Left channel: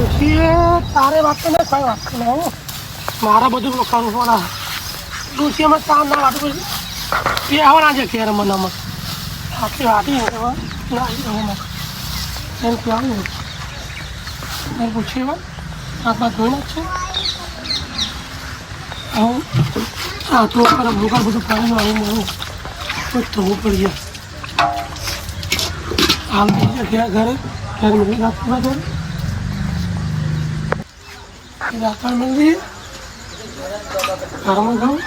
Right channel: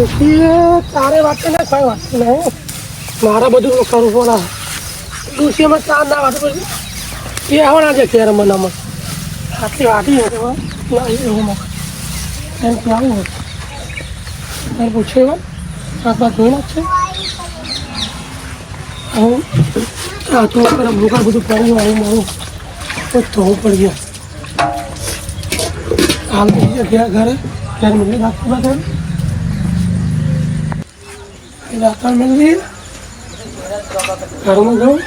તારે વાત ને કઈ વાત નહીં મારા બધું કરવું પડે ડોશીમાં ચા ના વાટું પછી એ આવવાના છે ખેર મનામાં આટલી વાટી ના એમ આવું એને પૂછે એવા આટલા ધોઈ નાખશે હું થોડું પેલા ભૂખા બધું પડી ગયું મારું થવું પડી ગયું હાલ ઘરે ઘરે મિલી રાખવા ઘરે રાખવા મિલી ઘરમાં જાઉં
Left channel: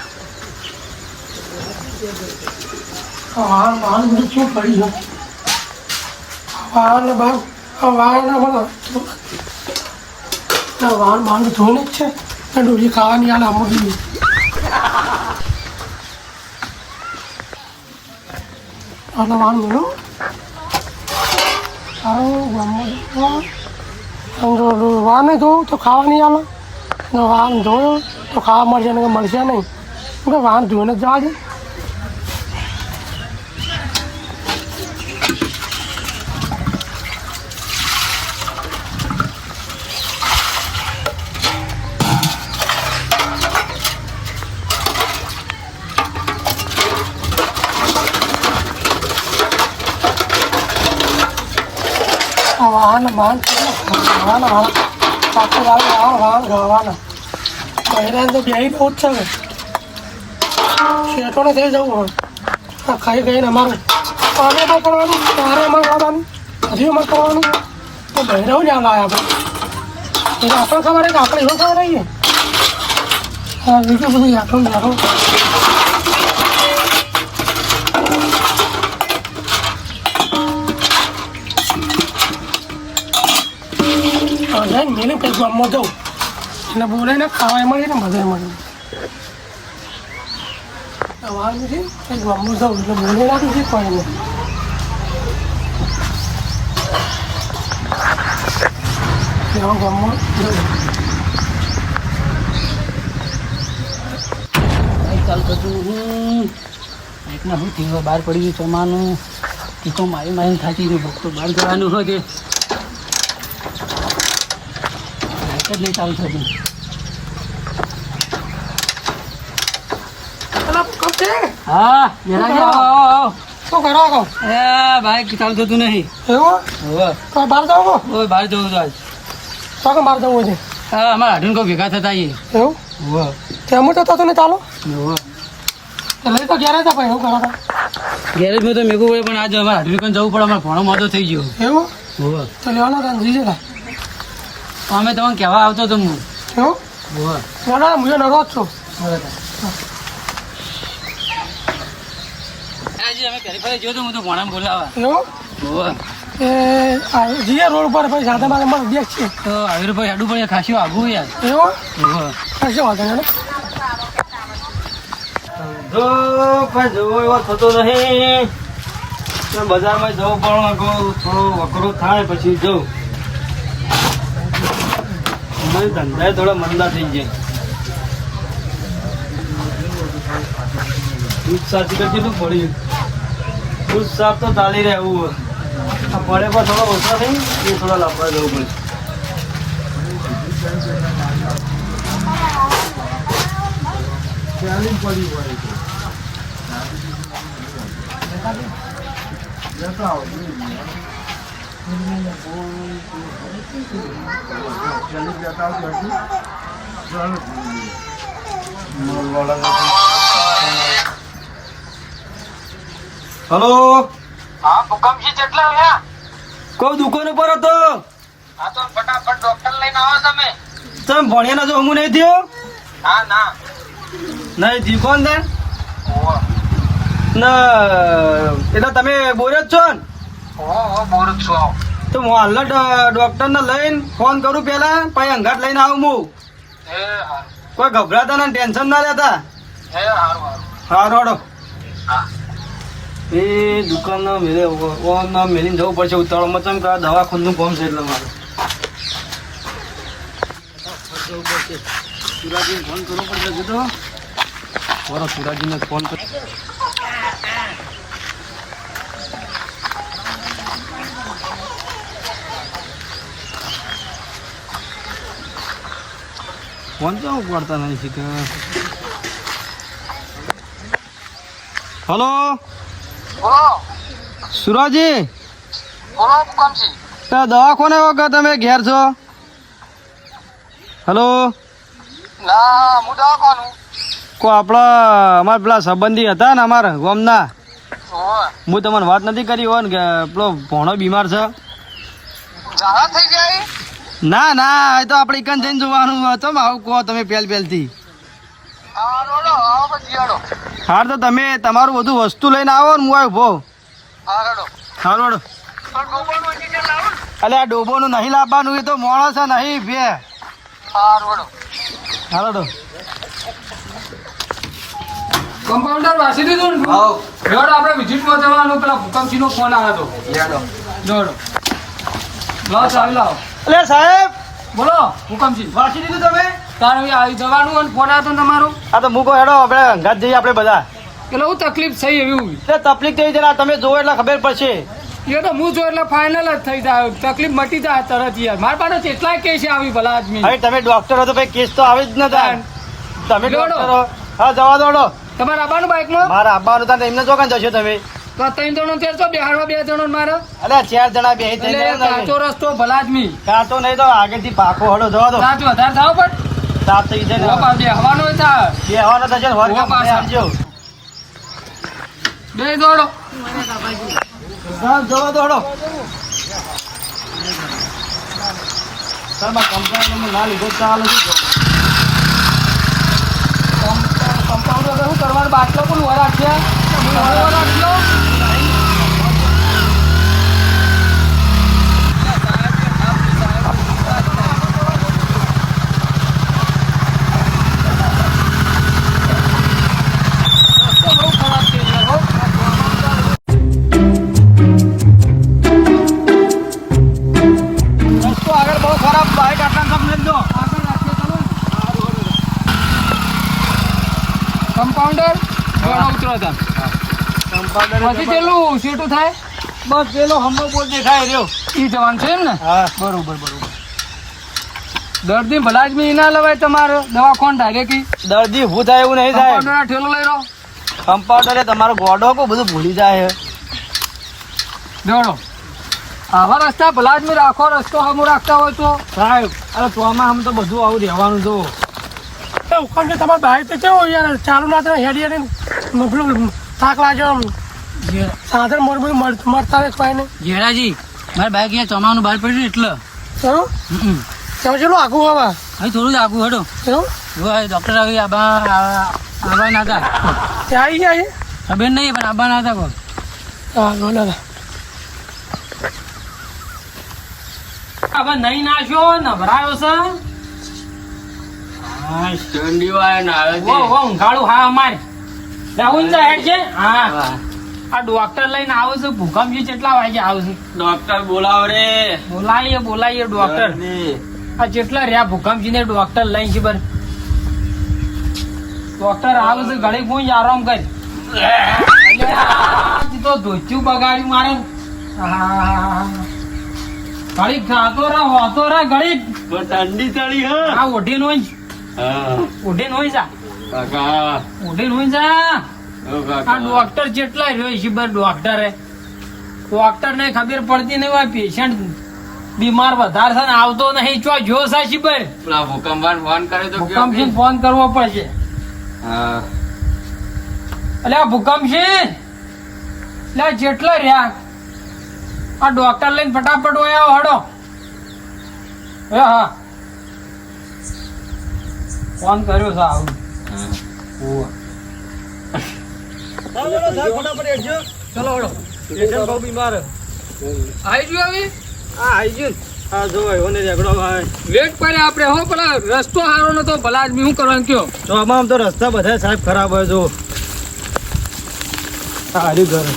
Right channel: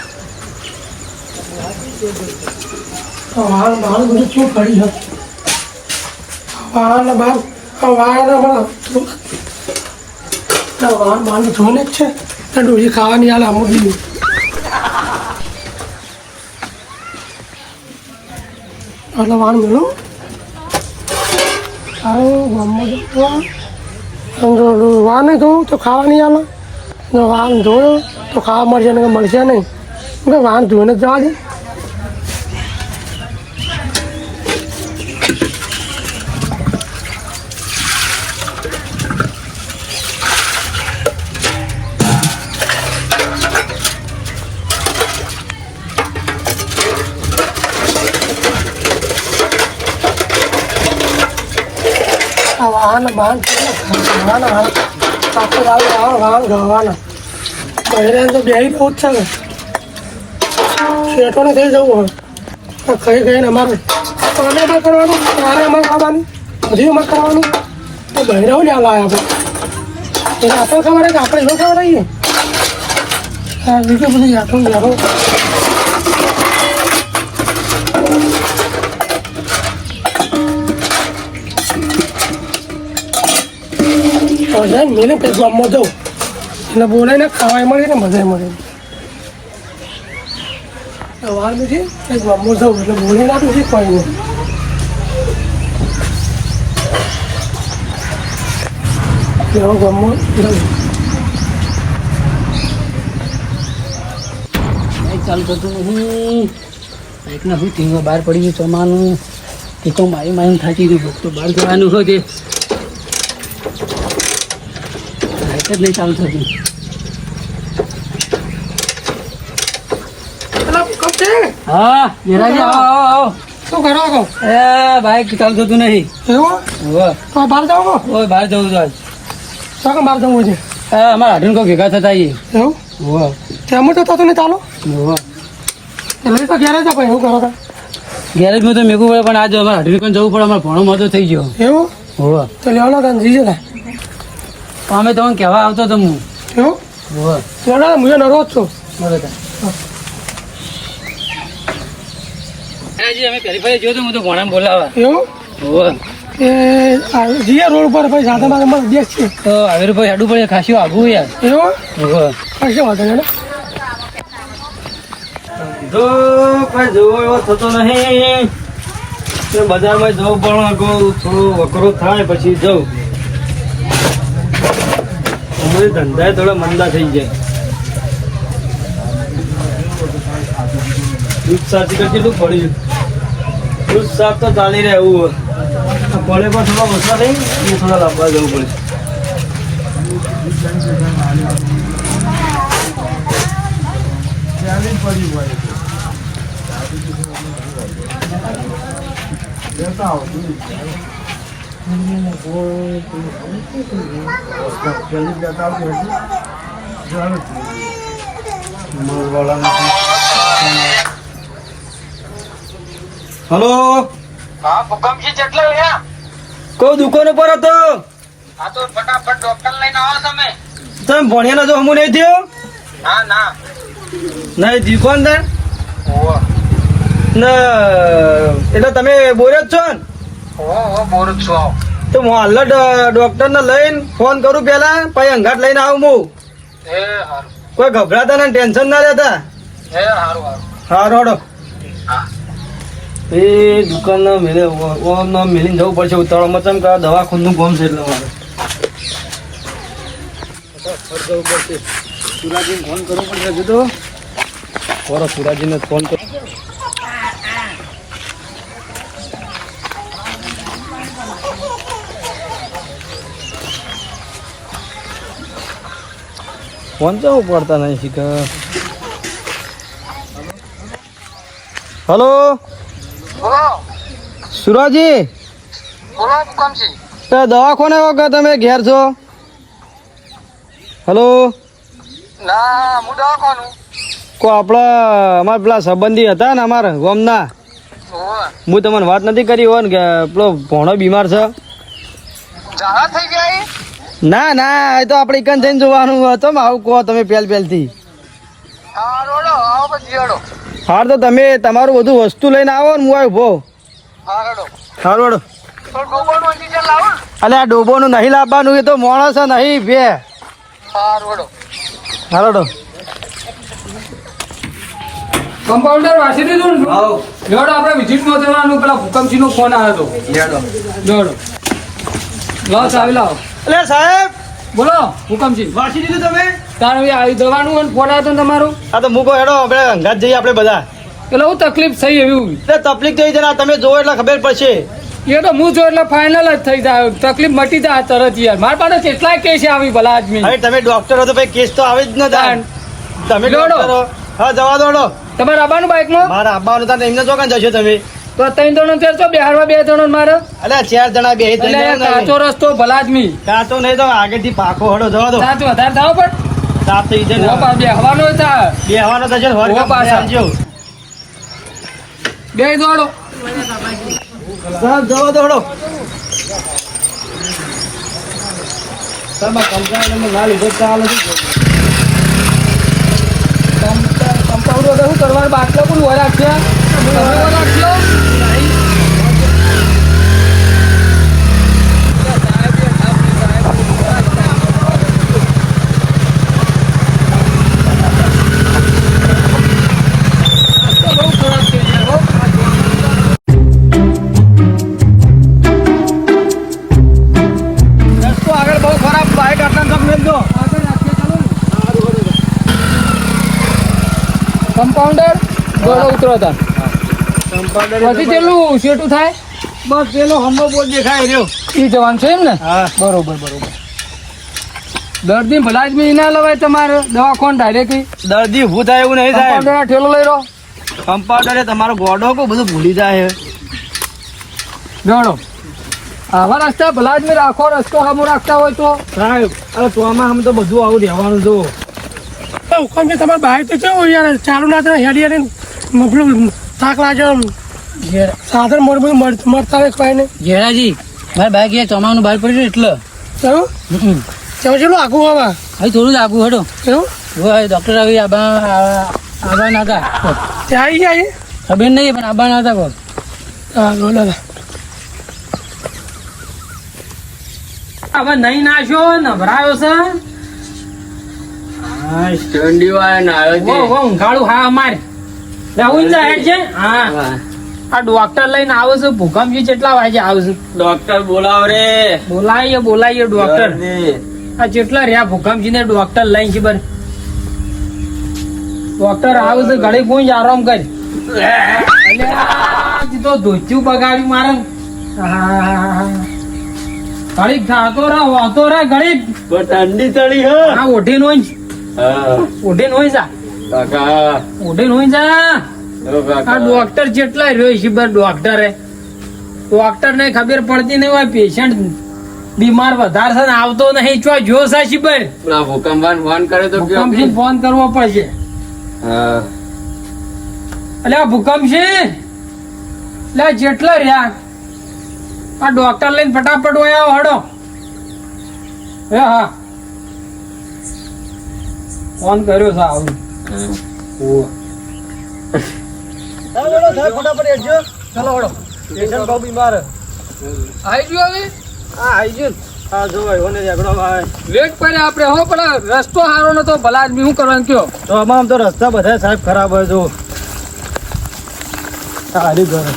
વાળ બધું શું પડી ગયું વાળના બાળ ધોઈને જ છે ડોસી ખાવાની હાલ આમ બી એટલે વાળ મેળો સારું વા નહીં ધોવું તો ખાવા નહીં આવે વાહન ધોયો તો ખાવા મળશે ને મળશે નહીં વાહન ધોઈને જ જવા દે વાહન પહેર્યા તો બે બહુ જ છે ને શેઠો ને થઈ જવું હવે ખાઈ ખાઈને અમારે પાને એમાં કરવાનું તારે એમાં ખાવાનું હજી એમાં કરવાનું તો બહેરાઓ જ હાલ આવ્યા આપણે આપણે ખબર કે આપણે એમાં ખબર આવીએ હા બીજું બધું આટલું જારો મેલે પેટ ગામમાં જાઉં એટલે બોલાય ને ખાવા મળે ને મજા મળે વાર નથી ગામમાં જાઉં એટલે બોલી નાખું છે કોઈ નહીં એવા ગામમાં જાઉં ચાલુ થતું નહીં બાઈકને શું ટીંગો બહાર પડી ગયું ચોમાનું એ તો મારી મારી થાકી ગયું તો બહાર જવાનું હોય તે જ નહીં ચાલુ થતું હા શું કરો એ બાઈક ચાલુ થતું નહીં બહાર જાવ બહાર જવું છે શું બહાર જવું છે હા અમારા હાડું કોઈ ભેગા થતા એવું તેમાં તો થતું નહીં ચાલો એટલે તો ગેરેજ આપો એવું કરો ગેરેજમાં તો મેગું પડે પણ આજે અમારે હાડું જવું પડે અમારે ભણો મોટો થઈ ગયો એવું તો લેવાનો તને જઈએ ને અમે તમને કહેવા આવતો તો હું એવું હું નરો જ છું અમે પેલી જોયો તો હું તો ભણા બોલાવા એવું જીયા રોડ ઉપર ભાઈ સાથે મારે અમારે બેસ છે તો આવી ભાઈ હાડું પડે ખાસું આગું યાર એવું ખાસું વાંધો ને જો કઈ જોવો એવો થતો નહીં બજારમાં જવું પણ થોડું વકરો થાય પછી જવું ધંધા થોડા મંદા થઈ જાય દૂધ શાક તો કેટલું પડ્યું દૂધ શાક તો ચાલી રહે એવું પડે પણ થોડા ઓછા નહીં એ થોડા લાંબા જવું પડે હલો હા ભૂકંપજી જેટલા રહ્યા કોઈ દુકાન ઉપર હતો હા તો ફટાફટ ડોક્ટર લઈને આવો તમે ભણ્યા તો હમું નહીં થયો ના ના નહીં દુકાન ને એટલે તમે બોરે જ છો ને બોર જ છું તો હું હાલ ડોક્ટર ને લઈને ફોન કરું પેલા પછી અંગાટ લઈને આવું હું કોઈ ગભરાતા ને ટેન્શન ના લેતા સારું હાડો એ દુકાન ના મેલે ઓમ ના મેલીને જવું પડશે ઉતાવળમાં ચમ કે દવાખાનું કામ છે એટલે મારે જવું પડશે સુરાજીને ફોન કરવો પડશે હજુ તો કરો સુરાજીને ફોન કરો ફોન તો પડતા નહીં શીખર. હલો બોલો સુરાજી, બોલો હુકમસિંહ. તો દવાખાને વખત તમે ઘેર છો? હલો ના હું દવાખાનું. કો આપણા અમારા પેલા સંબંધી હતા ને અમારા ગામના, હું તમને વાત નથી કરી હોય ને કે પેલો ભોણો બીમાર છે. ઝાડા થઈ જાય. ના ના, એ તો આપણે એકન થઈને જોવાનું હતો ને. આવું કહો તમે પહેલથી. હા રોડો આવો પછી હેડો. હાર તો તમે તમારું બધું વસ્તુ લઈને આવો ને, હું આવ્યો ભો. હા હેડો. હારું હેડો. પણ ગોબરનું ઓક્સિજન લાવો. અલે આ ડોબોનું નહીં લાવવાનું, એ તો માણસ છે નહીં બે. હા રોડો. હાલો હેડો. કમ્પાઉન્ડર વાસી દીધું ને? લેવડો આપણે વિઝિટમાં જવાનું. પેલા ભૂકંપસિંહનો ફોન આવ્યો હતો. લેવડો લો ચાવી લાવો. અલે સાહેબ, બોલો ભૂકંપસિંહ. વાંચી દીધું તમે? તારે આવી જવાનું અને ફોન આવ્યો હતો ને તમારું? આ તો મૂકો હેડો, આપણે અંગાત જઈએ આપણે બધા. એટલે હું તકલીફ થઈ એવું? એટલે તકલીફ થઈ જાય, તમે જોવો એટલે ખબર પડશે. એ તો હું જો એટલે ફાઇનલ જ થઈ જાય. તકલીફ મટી જાય તરત યાર. મારા પાસે કેટલાય કેસ આવી ભલા આદમી. હવે તમે ડોક્ટર હો તો ભાઈ કેસ તો આવે જ ન થાય. તમે લેવડો. ડોક્ટર હો. હા જવા દો હેડો. તમારે આવવાનું બાઇકમાં? મારા આબાનું હતા ને એમને ચોકન જશો તમે? તો 3 જણો તેર તો બેહાડવા 2 જણો મારે. અલે 4 જણા બે એટલે કાચો રસ્તો ભલા આદમી. કાચો નહીં તો આગળથી પાકો હડો જવા દો. સાચું વધારે થાવ પણ સાપ થઈ જાય ને. બેહવાનો હતા. બેહવાનો થશે ને ઉભા પાછા. બે દોડો. સાહેબ જવા દો હડો. ના લીધો ચાલે. કમ્પાઉન્ડર શું કરવાનું? બાટલો પણ રાખ્યા. રાખ્યો. કમ્પાઉન્ડર દોડો ઉતરો હતા. પછી પેલું શેઠું થાય બસ પેલો હમણાં બોલ દેખાય રહ્યો. એ જવાનું છે એમ ને? હા બરોબર બરોબર. દર્દી ભલા જ બી ના લવાય તમારે દવાખાન ડાયરેક્ટ. દર્દી ઊભું થાય એવું નહીં થાય. કમ્પાઉન્ડર ઠેલો લઈ રહો. કમ્પાઉન્ડરે તમારો ગોડો કો બધું ભૂલી જાય. દોડો. આવા રસ્તા ભલા જ રાખો. રસ્તો સામો રાખતા હોય તો સાહેબ હવે ચોમાં આમ તો બધું આવું રહેવાનું જો. હુકમ છે તમારે બહાર તો કેવું યાર ચાલુ ના થાય હેડી પેલું થાક લાગે. સાધન મોડું મળતા હોય કોઈ ને. જેરાજી મારા બાઈક યાર ચોમાનું બહાર પડ્યું એટલે કેવું ચલો આગું હવે હવે થોડું જ આગું હેડો. કેવું ડોક્ટર આવી આબા ના હતા. ત્યાં આવી ગયા ખબર નહીં પણ આબા ના હતા કોઈ. હા બોલે હવે નહીં નાખ્યો નવરાયો છે. ઊંઘાડું હા અમારે હા આ ડોક્ટર લઈને આવો છો. ભૂકંપજી કેટલા વાગે આવશે? ડોક્ટર બોલાવો રે. બોલાવીએ ડોક્ટર. આ જેટલા રહ્યા ભૂકંપજી ને ડોક્ટર લઈને ખબર. ડોક્ટર આવશે ઘડી કોઈ આરામ કરી. તો ધોચ્યું બગાડ્યું મારે. ઘડી ખાતો રહે ઘડી ઠંડી ચડી હે. આ ઓઢી નો ઓઢી નો જા ઓઢી નો જા. આ ડોક્ટર જેટલા રહ્યો છે ડોક્ટર ને ખબર પડતી નહીં હોય. પેશન્ટ બીમાર વધારે છે ને આવતો નહીં. ચો જો સા શિબર ભૂકંપ ફોન કરે તો ફોન કરવો પડશે. એટલે આ ભૂકંપ છે એટલે જેટલા રહ્યા આ ડોક્ટર લઈને ફટાફટ હોય આવો હડો. હા ફોન કર્યો છે આવું. ફટાફટ હેડજો. ચલો હડો. પેશન્ટ બહુ બીમાર. આવી ગયો હવે. હા આવી ગયું. હા જો ને ઝઘડો વેટ કરે આપણે હો. પેલા રસ્તો સારો નતો ભલા આદમી શું કરવાનું કયો? તો આમ તો રસ્તા બધા સાહેબ ખરાબ હોય જો. સારી ઘર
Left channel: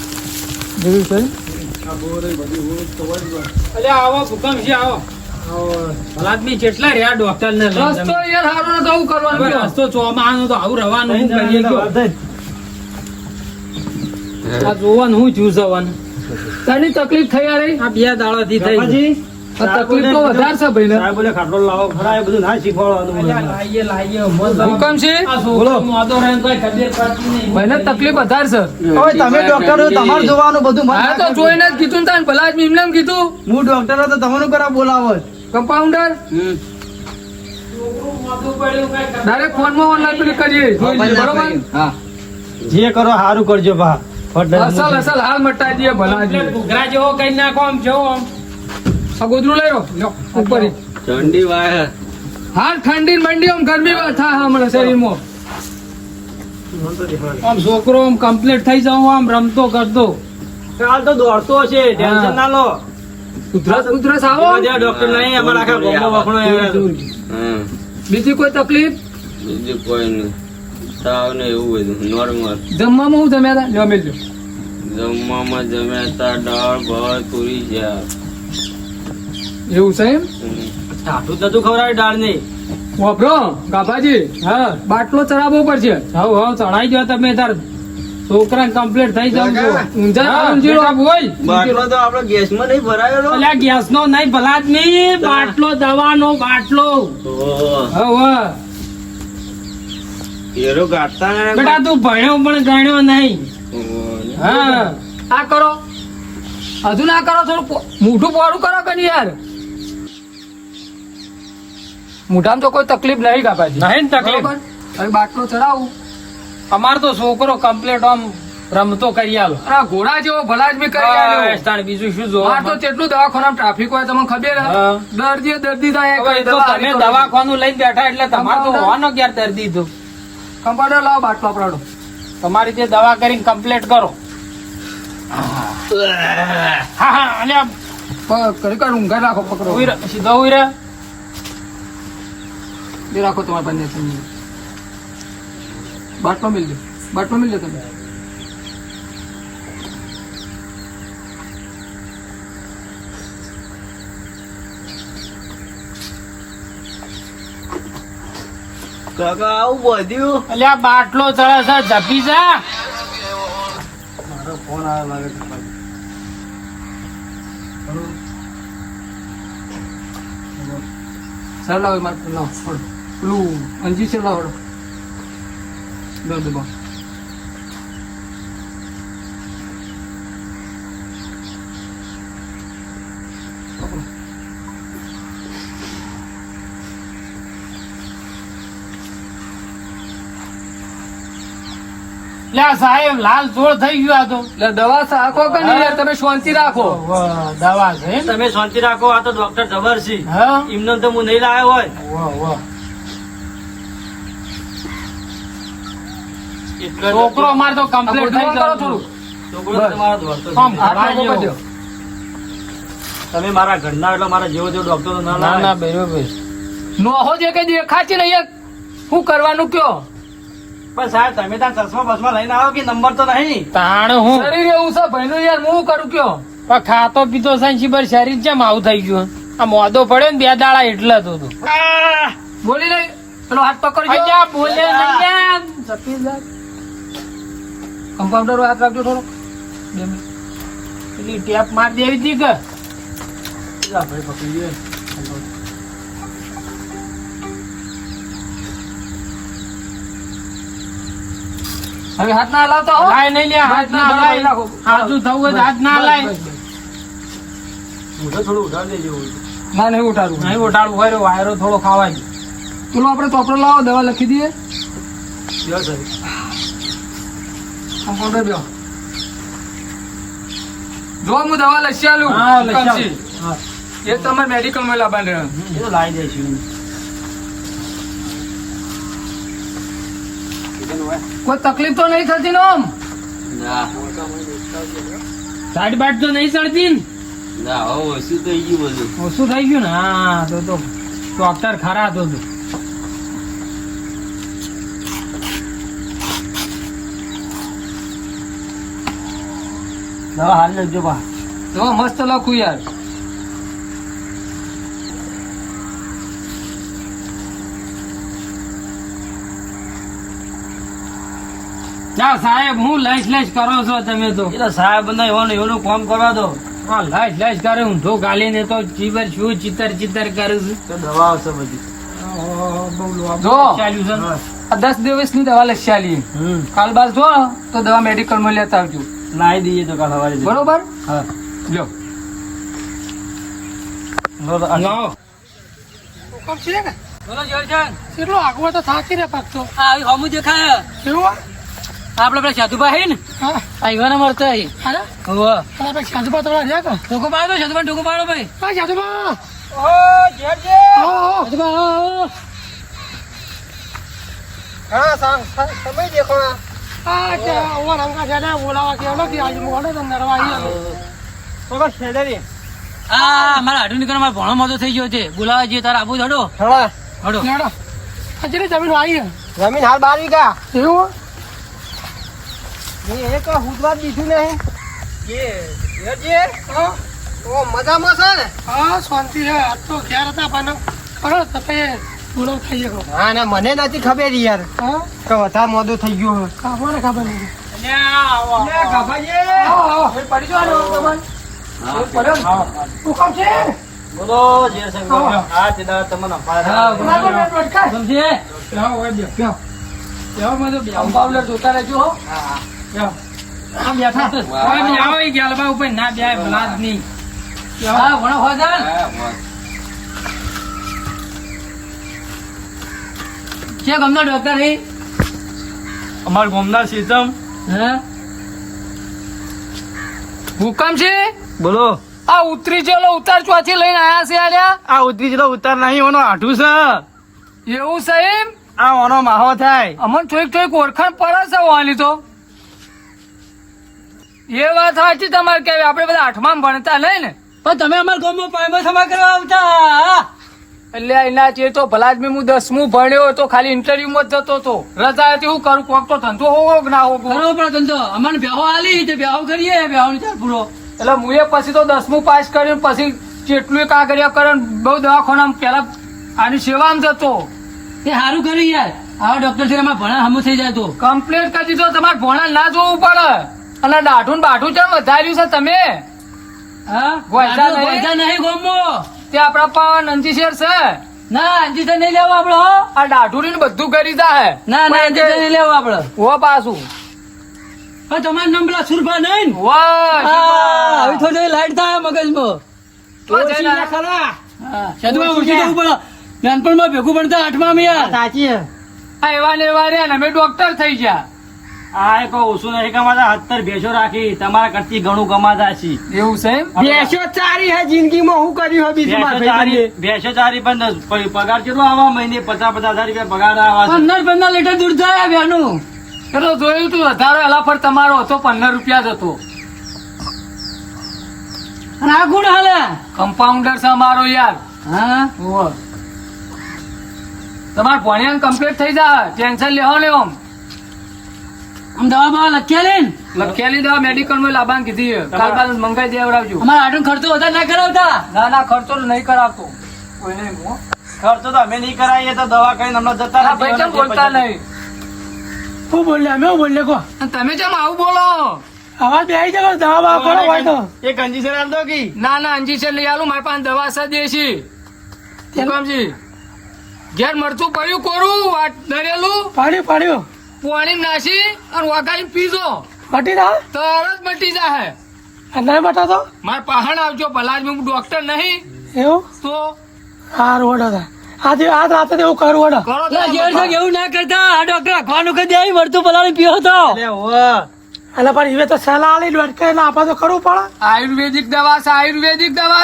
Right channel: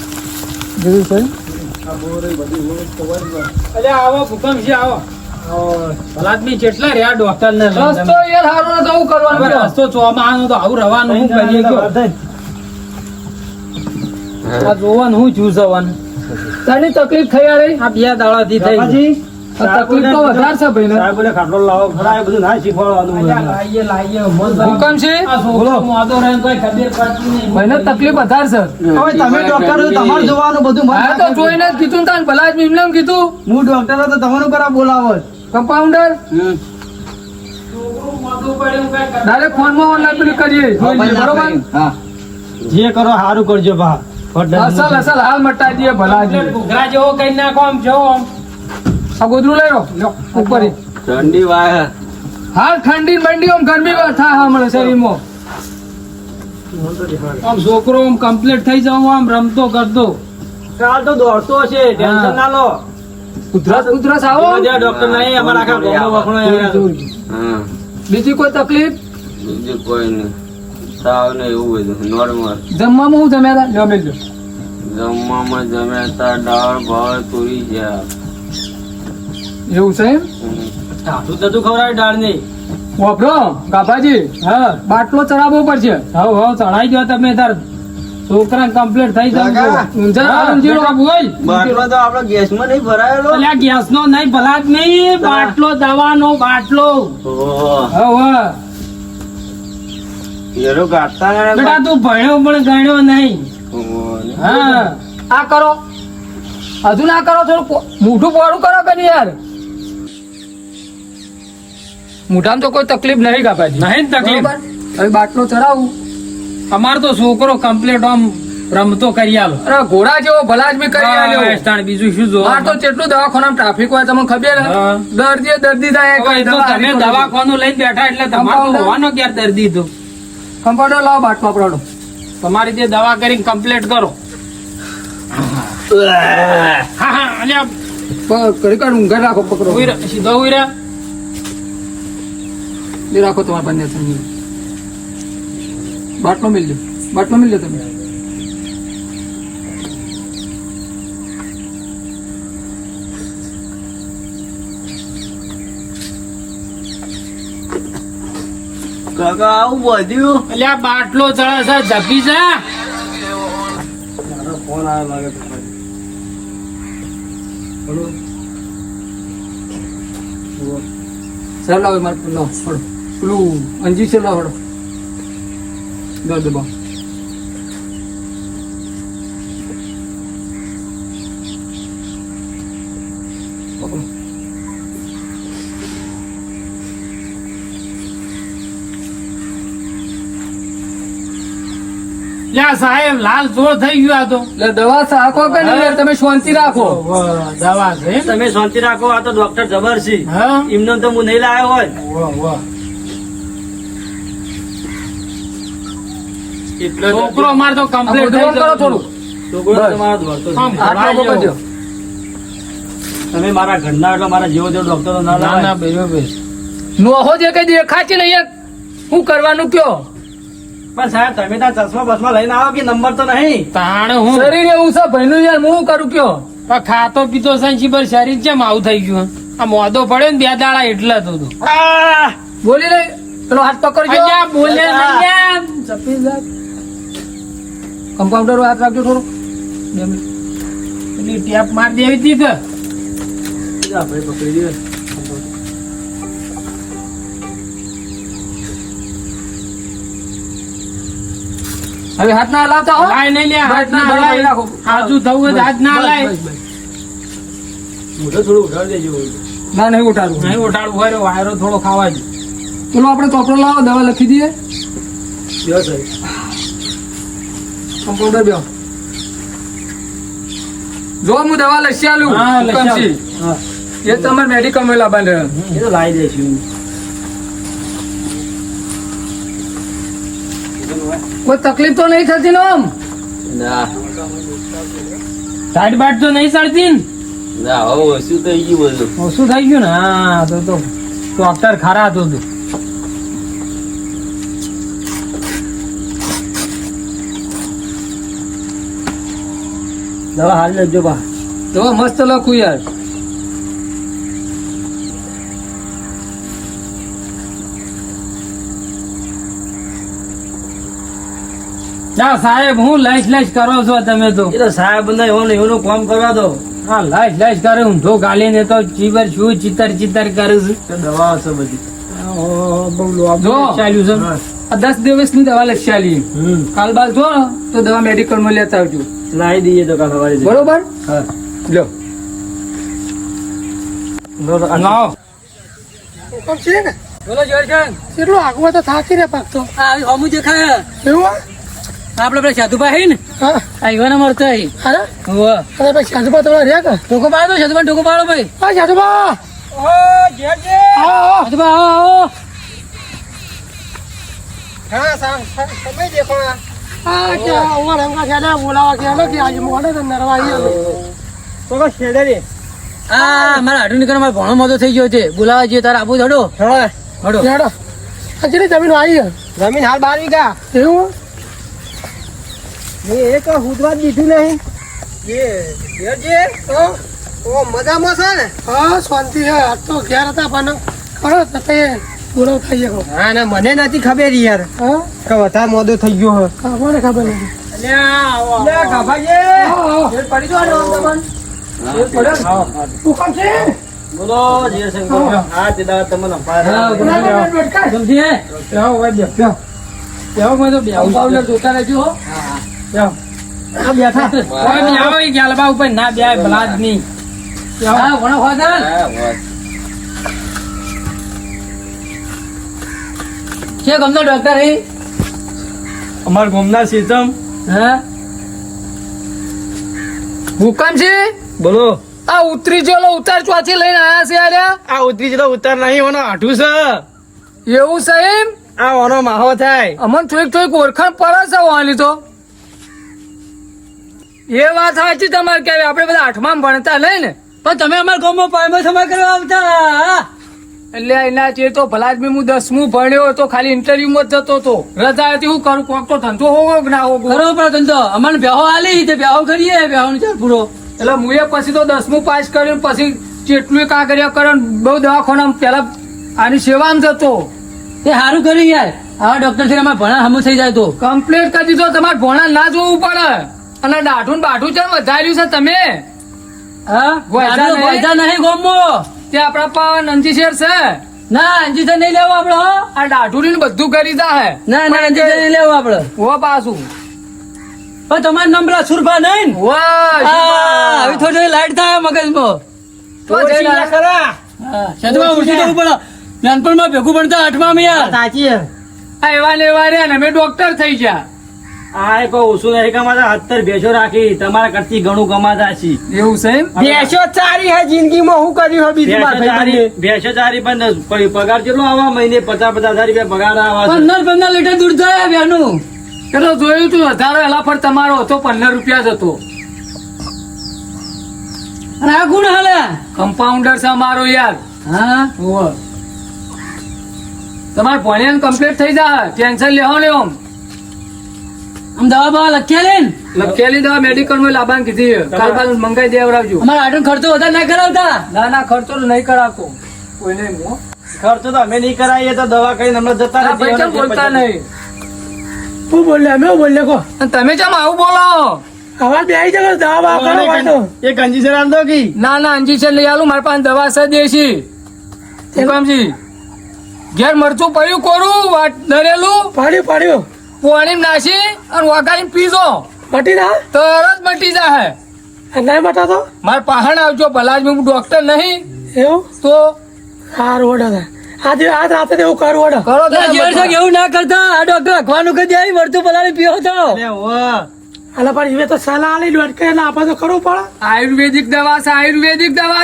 જેવી છે. અલે આવો ભૂકંપ છે આવો. ભલા આદમી જેટલા રહ્યા ડોક્ટર ને રસ્તો યાર સારો નતો આવું કરવાનું કયો? રસ્તો ચોમાનો તો આવું રહેવાનું શું કરીએ કયો? આ જોવાનું હું જોવાનું તને તકલીફ થઈ યાર. આ 2 દાડાથી થઈ. તકલીફ તો વધારે છે ભાઈ ને. સાહેબ બોલે ખાટલો લાવો ખરા એ બધું ના શીખવાડવાનું હોય. હુકમ છે ભાઈને તકલીફ વધારે છે. હવે તમે ડોક્ટર છો, તમારે જોવાનું બધું. હા તો જોઈને જ કીધું ને તાન ભલા જ એમને એમ કીધું. હું ડોક્ટર હતો, તમારું કરા બોલાવો જ. કમ્પાઉન્ડર ડાયરેક્ટ ફોનમાં ઓનલાઈન પેલું કરીએ જોઈ લઈએ, બરોબર. હા, જે કરો સારું કરજો બા. અસલ અસલ હાલ મટાઈ દઈએ ભલા જ. ઘોઘરા જેવો કઈ નાખો આમ જેવો આમ આ ગોદડું લઈ લો ઉપર ઈ. ઠંડી વાય. હાલ ઠંડી મંડી આમ ગરમી થાય હમણાં શરીરમાં. આમ છોકરો આમ કમ્પ્લીટ થઈ જાવ આમ રમતો કરતો કાલ તો દોડતો હશે, ટેન્શન ના લો. ઉધરસ આવો. ડોક્ટર નહીં, અમારા આખા ગામમાં વખણો આવ્યા. બીજી કોઈ તકલીફ? બીજું કોઈ નહીં, તાવ ને એવું બધું નોર્મલ. જમવામાં હું જમ્યા હતા જમી લો. જમવામાં જમ્યા તા દાળ ભાત પૂરી છે. એવું છે એમ? ટાઢું થતું ખવડાવે ડાળ નહીં. વાપરો ગાભાજી. હા બાટલો ચડાવવો પડશે. હવ ચડાઈ ગયો તમે તાર છોકરા કમ્પ્લીટ થઈ જાય ઊંઝા સમજી લો. બાટલો તો આપડે ગેસ માં નહીં ભરાયેલો. ગેસ નો નહીં ભલા જ નહીં, બાટલો દવાનો બાટલો. ઓહો, એરો ગાંઠતા ને બેટા તું ભણ્યો પણ ગણ્યો નહીં. હા આ કરો, હજુ ના કરો, થોડું મોઢું પોળું કરો કે નહીં યાર. મોઢામાં તો કોઈ તકલીફ નહીં ગાભાજી. નહીં તકલીફ. બરોબર. હવે બાટલો ચડાવું. અમારો તો છોકરો કમ્પ્લીટ આમ રમતો કરી આલો. અરે ઘોડા જેવો ભલા જ બી કરી આલ્યો. તાણ બીજું શું જો માર તો કેટલું દવાખાનામાં ટ્રાફિક હોય તમને ખબર હે? હા. દર્દી થાય કઈ તો દવા તમે આવી તો દવાખાનું લઈને બેઠા એટલે તમારે તો હોવાનો ક્યારે દર્દી હતું. કમ્પાઉન્ડર લાવો બાટલો આપડો. તમારી જે દવા કરીને કમ્પ્લીટ કરો. હા હા અને કરી કાઢ ઊંઘર રાખો, પકડો. સીધો ઉઈરા. એ રાખો તમારા બંને સમજી. બાટલો મિલ લે, બાટલો મિલ લે તમે. કાકા આવું બધું અલ્યા બાટલો ચડે છે જપી જા. ફોન આવ્યો લાગે છે. સર લાવો મારે લાવો છોડો. પેલું અંજી છે લાવો. દો દબા. લ્યા સાહેબ લાલ ચોળ થઈ ગયો આ તો. એટલે દવા સાખો કે નહીં યાર, તમે શાંતિ રાખો. દવા છે તમે શાંતિ રાખો, આ તો ડોક્ટર જબર છે. હા એમને તો હું નહીં લાવ્યો હોય. એટલે છોકરો અમારે તો કમ્પ્લીટ થઈ કરો થોડું. છોકરો તમારો દોડતો છે. આમ આટલો ભરાઈ બધો. ગયો. તમે મારા ઘરના એટલે મારા જેવો જેવો ડોક્ટરો ના ના લાવે. ના બરોબર. નોહો જે કઈ દેખાતી નહીં યાર. શું કરવાનું કયો? પણ સાહેબ તમે ત્યાં ચશ્મા બસમાં લઈને આવો કે નંબર તો નહીં. તાણ હું શરીર એવું છે ભાઈનું યાર, હું કરું કયો? પણ ખાતો પીતો સાંચી પર શરીર કેમ આવું થઈ ગયું? આ મોદો પડ્યો ને 2 દાડા એટલા તો હતું. બોલી નહીં, પેલો હાથ પકડજો. અલ્યા બોલે નહીં. કમ્પાઉન્ડર હાથ રાખજો થોડો. 2 મિનિટ. પેલી ટેપ માર દેવી હતી કે આપણે પકડી દઈએ. હવે હાથ ના હલાવતા હો. લાય નહીં લે હાથ ના બરાબર હલાય. રાખો. આજુ થવું હોય તો હાથ ના બસ, લાય. બસ, બસ. મોઢું થોડું ઉઠાડી દેજો. ના નહીં ઉઠાડવું. નહીં ઓટાડવું હોય તો વાયરો થોડો ખાવા દે. પેલો આપણે ચોપડો લાવો, દવા લખી દઈએ. Yes sir. કમ્પાઉન્ડર બેહો. જો હું દવા લખી આલું. હા, લખી આલો. કમસી. હા, એ તમારે મેડિકલ માં લાવવાનું રહે. એ તો લાવી દઈશું. કોઈ તકલીફ તો નહીં થતી ને આમ? ના સાઈડ બાટ તો નહીં ચડતી ને? ના હવે ઓછું થઈ ગયું બધું. ઓછું થઈ ગયું ને? હા તો ડોક્ટર ખરા હતું તું. દવા હાલ લેજો બા. દવા મસ્ત લખું યાર. ના સાહેબ હું લાઈશ લાઈશ કરો છો તમે તો. એ તો સાહેબ ને એવાનું કામ કરવા દો. હા લાઈટ કરે ઊંધો ગાલી ને તો જીવર શું ચિત્તર કરું છું. તો દવાઓ છે બધી બહુ લોભ જો ચાલ્યું છે આ 10 દિવસની દવા લખી આલી. કાલ બાર જો તો દવા મેડિકલ માં લેતા આવજો. લાવી દઈએ તો કાલ સવારે જઈએ. બરોબર હા લો નાઓ. હુકમ છે ને બોલો જોરજાન. કેટલું આગળ તો થાકી રે પાકતો આ હમુ દેખાય એવું આપડે પેલા સાધુભાઈ ને હા આવ્યા મળતા અરે હોવે અરે ભાઈ સાધુબા તમારા રહ્યા કે ઢોકો પાડો સાધુભાઈ ઢોકો પાડો ભાઈ. હા સાધુબા હા સાધુભા આવો હા ક્યાં અમારા રંગા છે બોલાવા કે કે આજે મોડે તો નરવા આવી આ મારા હાડું નીકળ મારો ભણો મોટો થઈ ગયો છે. બોલાવા જઈએ તારે આબુ ધડો હડો. હેડો હજરી જમીન આવી જમીન હાલ 12 વીઘા. એવું એક હુદવા દીધું નહીં મજામાં છે ને. હા શાંતિ છે આજ તો ઘેર હતા પણ ખરો તે બોલાવ થઈ ગયો હા ના મને નથી ખબર યાર હા કે વધારે મોડો થઈ ગયો હે. મને ખબર નથી હુકમ છે બોલો જય શંકર. હા તે દાડા તમને અપાર. જોતા રહેજો હો. બેઠા ઉપર ના બે ભલા જ નહીં. હા ભણો ફાધર. હા વાત. છે ગમતો ડોક્ટર હે. અમાર ગામના સિસ્ટમ હા હુકમ છે. બોલો. આ ઉતરી જેલો ઉતાર ચોથી લઈને આયા છે આલ્યા. આ ઉતરી જતો ઉતાર નહીં ઓનો આઠું છે. એવું સાહેબ આ ઓનો માહો થાય. અમન થોડીક ઓળખાણ પડે છે વાલી તો. એ વાત સાચી તમારે કે આપણે બધા આઠમાં ભણતા લઈ ને પણ તમે અમારા ગામમાં પાયમાં સમા કરવા આવતા. એટલે એના ચેર તો ભલા જ હું 10મું ભણ્યો તો ખાલી ઇન્ટરવ્યુ માં જ જતો હતો. રજા હતી હું કરું કોક તો ધંધો હોવો કે ના હોવો. બરોબર ધંધો અમને બેહો આલી તે બેહો કરીએ બેહો ની ચાલ પૂરો. એટલે હું પછી તો 10મું પાસ કર્યું પછી કેટલું કાગળિયા કર્યો બહુ દવાખાના પેલા આની સેવામાં જતો. એ સારું કર્યું યાર. આવા ડોક્ટર થી અમારે ભણા હમું થઈ જાય તો કમ્પ્લીટ કરી દીધો. તમારે ભણા ના જોવું પડે. અને દાઢું બાઠું ચમ વધાર્યું છે તમે. હા ગોયધા નહીં ગોમો તે આપડા પણ અંજીશેર છે. ના અંજીશેર નહીં લેવું આપડે. આ દાઢું ને બધું કરી દે. ના અંજીશેર નહીં લેવું આપડે. હો પાછું પણ તમારું નામ પેલા સુરભા નહીં. વાહ હવે થોડી લાઈટ થાય મગજમાં. તો જઈને શેતમાં ઉઠી જવું પડે. નાનપણમાં ભેગું ભણતા 8માં યાર. સાચી એવા ને એવા રે ને અમે ડોક્ટર થઈ ગયા. આ કોઈ ઓછું નહીં કમાતા. 17 ભેંસો રાખી તમારા કરતી ઘણું કમાતા છીએ. એવું છે એમ. બેસો ચારી હે જિંદગીમાં હું કર્યું બીજું ભેંસો ચારી પણ પગાર કેટલો આવા મહિને 50,000 રૂપિયા પગાર આવા છે. 15 લીટર દૂધ થાય બેનું. તો જોયું તું 18 એલા પર તમારો હતો 15 રૂપિયા જ હતો. અને આ ગુણ હાલે કમ્પાઉન્ડર છે અમારો યાર. હા તમારે ભણ્યા કમ્પ્લીટ થઈ જાય. ટેન્શન લેવો લેવો. આમ દવા બવા લખેલી દવા મેડિકલ માં લાવવાનું કીધી. કાલ બાદ મંગાઈ દેવડાવજો. અમારા આટલો ખર્ચો વધારે ના કરાવતા. ના ખર્ચો નહીં કરાવતો કોઈ નહીં. ખર્ચો તો અમે નહીં કરાવીએ તો દવા કરીને હમણાં જતા આ ભાઈ કેમ બોલતા નહીં. હું બોલે અમે બોલે કો અને તમે કેમ આવું બોલો. અવાજ બે આવી જગર દવા બવા તો એ ગંજી આમ તો કી ના અંજીશન લઈ આલું. મારી પાસે દવા છે દેશી. હુકમજી ઘેર મરચું પડ્યું કોરું વાટ દરેલું પાડ્યું પાણી નાસી અને વગાડીને પીજો મટી ના તરત મટી જાય. ના મટા તો મારે પહાણ આવજો. ભલા જ હું ડોક્ટર નહીં એવું તો સારું વડો આજે આજ રાતે એવું કરું વડો કરો તો એવું ના કરતા. આ ડોક્ટર અખવાનું કદી આવી મરચું પલાળી પીવો તો. એટલે પણ એ તો સલાહ આલી ડોક્ટર એટલે આપણે તો કરવું પડે. આયુર્વેદિક દવા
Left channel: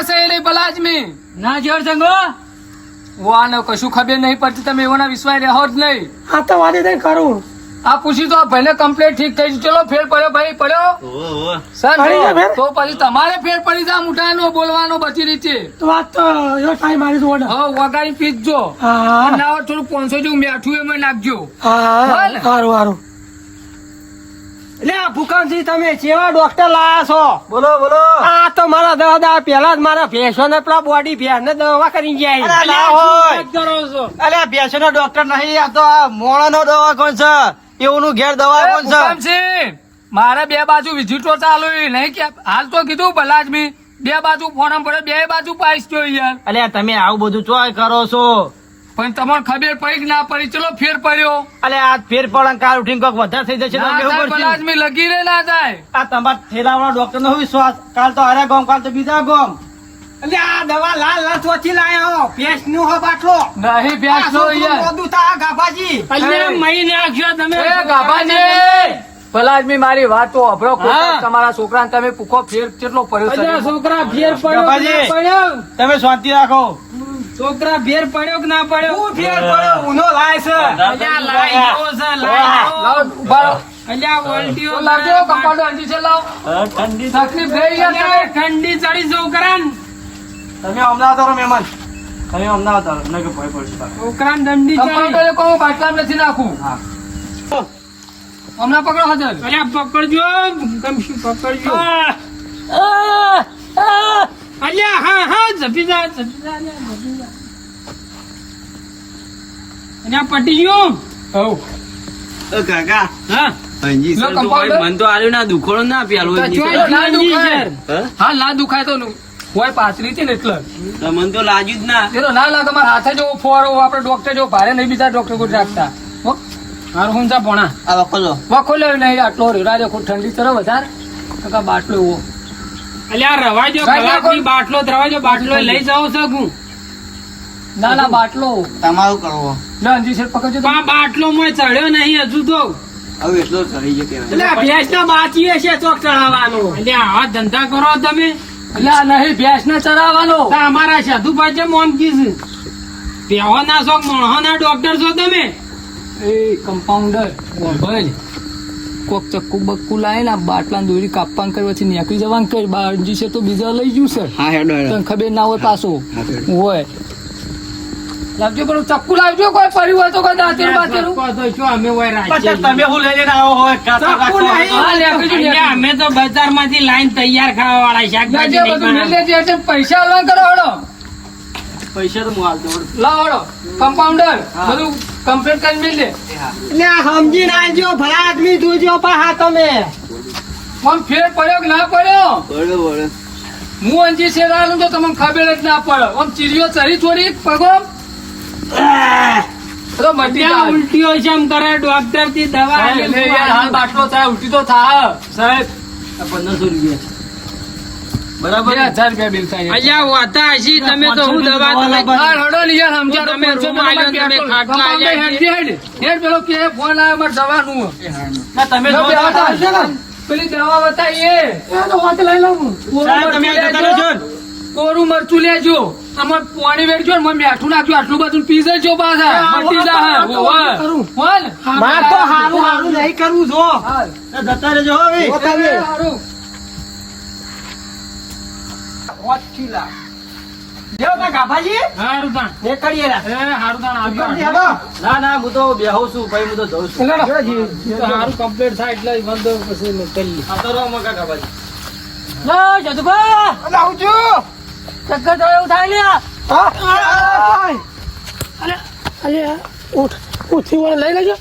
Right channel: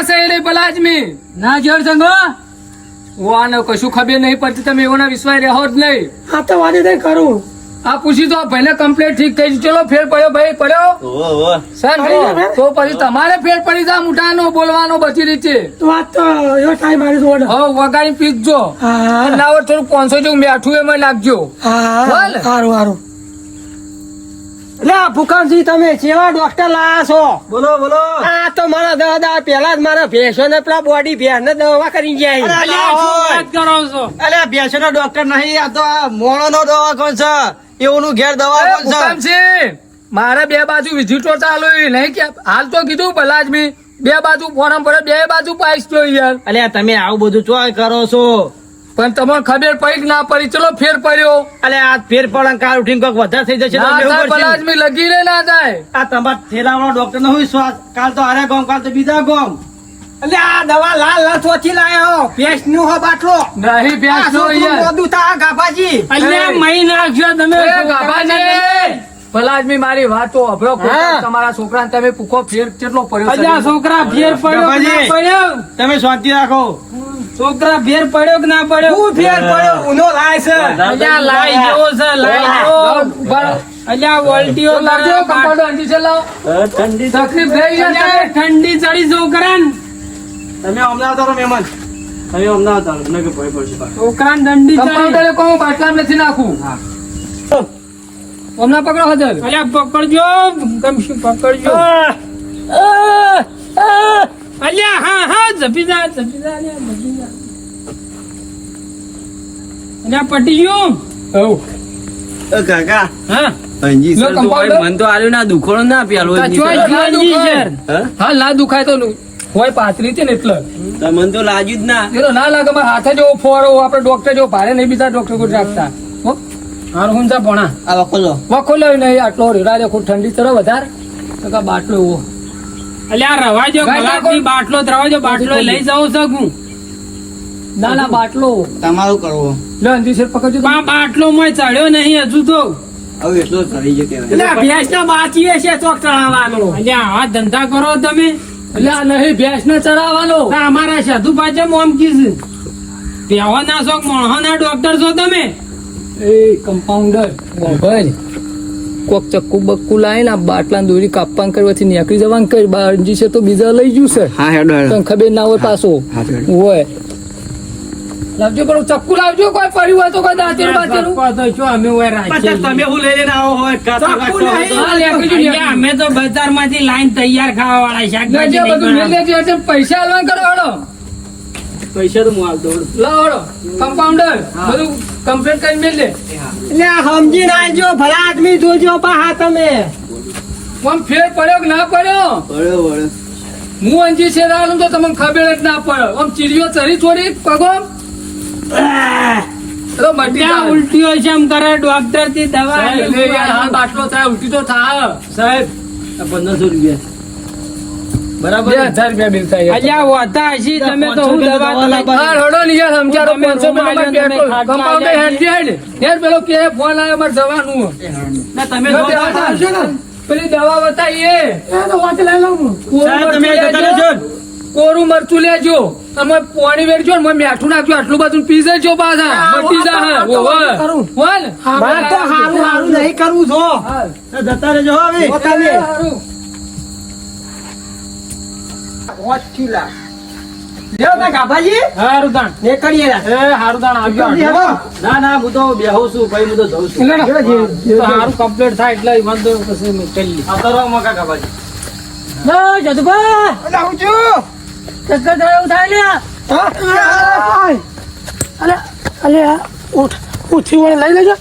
છે એટલે પલાજમી ના જોર સંગો વાને કશું ખબર નહીં પડતી. તમે એવોના વિશ્વાસ રહો જ નહીં. આ તો વાદી નહીં કરું આ પૂછી તો ભાઈને કમ્પ્લીટ ઠીક થઈ ગયું. ચલો ફેર પડ્યો ભાઈ પડ્યો સર તો પછી તમારે ફેર પડી જાય મોટાનો બોલવાનો બધી રીતે. તો આજ તો એવો ટાઈમ આવી વડો હવે વગાડી પીજો. હા ના હોય થોડું 500 જેવું મીઠું એમાં નાખજો. બોલ. સારું એટલે ભૂકંપજી તમે કેવા ડોક્ટર લાયા છો? બોલો આ તો મારા દવા પેલા જ મારા ભેંસો ને પેલા બોડી ભેંસ ને દવા કરી જાય. અલ્યા ભેંસો નો ડોક્ટર નહીં. આ તો મોણો નો દવા કોણ છે એવું ઘેર દવા કોણ છે. મારે 2 બાજુ વિઝિટો ચાલુ નહીં કે હાલ તો કીધું પલાજમી બે બાજુ ફોરમ પડે બે બાજુ પાઈશ તો યાર અલ્યા તમે આવું બધું ચોય કરો છો પણ તમને ખબર પડી કે ના પડી ચલો ફેર પડ્યો અલ્યા આ ફેર પડે કાલ ઉઠીને કોઈક વધારે થઈ જશે તો ના અમે થાય શું ભલા કરશું? આદમી લગી રે ના થાય આ તમારા ઠેલાવાળા ડોક્ટર નો હું શ્વાસ કાલ તો આરા ગામ કાલ તો બીજા ગામ એટલે આ દવા લાલ લથોથી લાયો પેસ્ટ નું હો બાટલો નહીં બેસ નો યાર બધું તા ગાભાજી અલ્યા મહી નાખજો તમે એ ગાભાજી, ભલા આદમી મારી વાતો અભરો હા. તમારા છોકરાને તમે પૂકો ફેર કેટલો પડ્યો છે? અલ્યા છોકરા ફેર પડ્યો કે ના પડ્યો? તમે શાંતિ રાખો છોકરા ફેર પડ્યો કે ના પડ્યો? હું ફેર પડ્યો ઉનો લાય છે અલ્યા લાઈ જેવો છે લાઈ જેવો. ઉભા રહો. અલ્યા વોલ્ટીઓ લાવજો, કંપાઉન્ડર અંજી છે, લાવો. તકલીફ થઈ યાર અલ્યા ઠંડી ચડી છોકરાને તમે અમદાવાદ આવો મહેમાન તમે અમદાવાદ આવો ન કે ભય પડશે છોકરાને દંડી ચડી. કંપાઉન્ડરે કહું બાટલામાં નથી નાખું હમણાં પકડો હાજર અલ્યા પકડજો કમશું પકડજો અલ્યા હા હા જપી જા અલ્યા જપી જા. અલ્યા પટી ગયો. કાકા હા અંજી લો, સર તો કંપાઉન્ડર. ભાઈ મન તો આલ્યું ના દુખોડો ના પ્યાલો અંજી ચોય સર. ના દુખાય. હા? હા ના દુખાય તો હોય પાતળી હતી ને એટલે તો મન તો લાગ્યું જ ના એ તો ના લાગે મારા હાથે જેવો ફોરો આપડે ડોક્ટર જેવો ભારે નહીં બીજા ડોક્ટર કોઈ રાખતા હો? હારું હું જા ભણા. આ વખલો વખો લેવી નહીં આટલો રેડા ખોટ ઠંડી ચડો વધારે તો કા બાટલો એવો અલ્યા રવાજો ગાય નાખો. કલાકની બાટલો રવાજો બાટલો લઈ જાઉં શકું ના ના બાટલો તમારું કરવો લે અંજી શેર પકડજો તમે. પણ બાટલો મોય ચડ્યો નહીં હજુ તો હવે એટલો ચડી જતો અલ્યા ભેંસ ના બાચી હશે ચોક ચડાવવાનો અલ્યા આ ધંધા કરો તમે એટલે આ નહીં ભેંસ ને ચરાવવાનો તો અમારા સાધુ પાસે મોમકી છે પેહો ના શોખ મણહો ના ડોક્ટર છો તમે એ કમ્પાઉન્ડર ભાઈ કોક ચક્કુ બક્કુ લાય ને બાટલા દોરી કાપવાનું કરી પછી નીકળી જવાનું કરી બાંજી છે તો બીજા લઈ ગયું છે હા હેડો તને ખબર ના હોય પાછો હોય લાવજો પેલું ચક્કુ લાવજો કોઈ પડ્યું હોય તો કોઈ દાંતેરું બાતેરું તો શું અમે હોય રાખીએ તમે હું લઈ લઈને આવો હોય ચક્કુ નહીં. અલ્યા, અમે તો બજાર માંથી લાઈન તૈયાર ખાવા વાળા શાકભાજી જે નહીં બધું બનાવતા. મેલે છે તે પૈસા આલવાન કરો હળો પૈસા તો હું આવતો લાવો હળો કમ્પાઉન્ડર બધું કમ્પ્લીટ કરી મેલ દે અલ્યા, સમજી નાખજો ભલા આદમી જોજો પણ હા તમે આમ ફેર પડ્યો કે ના પડ્યો બળો બળો હું અંજી છે રાલું તો તમને ખબર જ ના પડે આમ ચીડીઓ ચરી થોડી પગો તો મટી ત્યાં જાય ઉલટીઓ જેમ કરે ડોક્ટર થી દવા એટલે યાર હાલ બાટલો થાય ઉલટી તો થાય સાહેબ આ 1500 રૂપિયા બરાબર 2000 રૂપિયા બિલ થાય અલ્યા વાતા હશી તમે તો હું દવા તમે હા રડો ને યાર સમજાડો તમે 500 રૂમ આલ્યો ને તમે ખાટલા કમ્પાઉન્ડર આલ્યા હેડ હેડ હેડ પેલો કે ફોન આવ્યો મારે દવાનું ના તમે જો બે હાથ આપજો ને. પેલી દવા બતાવીએ લઈ લઉં સાહેબ તમે જતા રહેજો ને. કોરું મરચું લેજો તમે પાણી વેરજો ને મેઠું નાખજો આટલું બધું પી જજો પાછા મટી જા હોન હારું નહીં કરવું છો જતા રહેજો હવે હારું તાણ હારું તાણ આવજો ના ના હું તો બેહું છું ભાઈ હું તો જઉં છું હારું કમ્પ્લીટ થાય એટલે વાંધો પછી નીકળી આવતો રહો મકા કાપાજી ઉઠી લઈ લેજો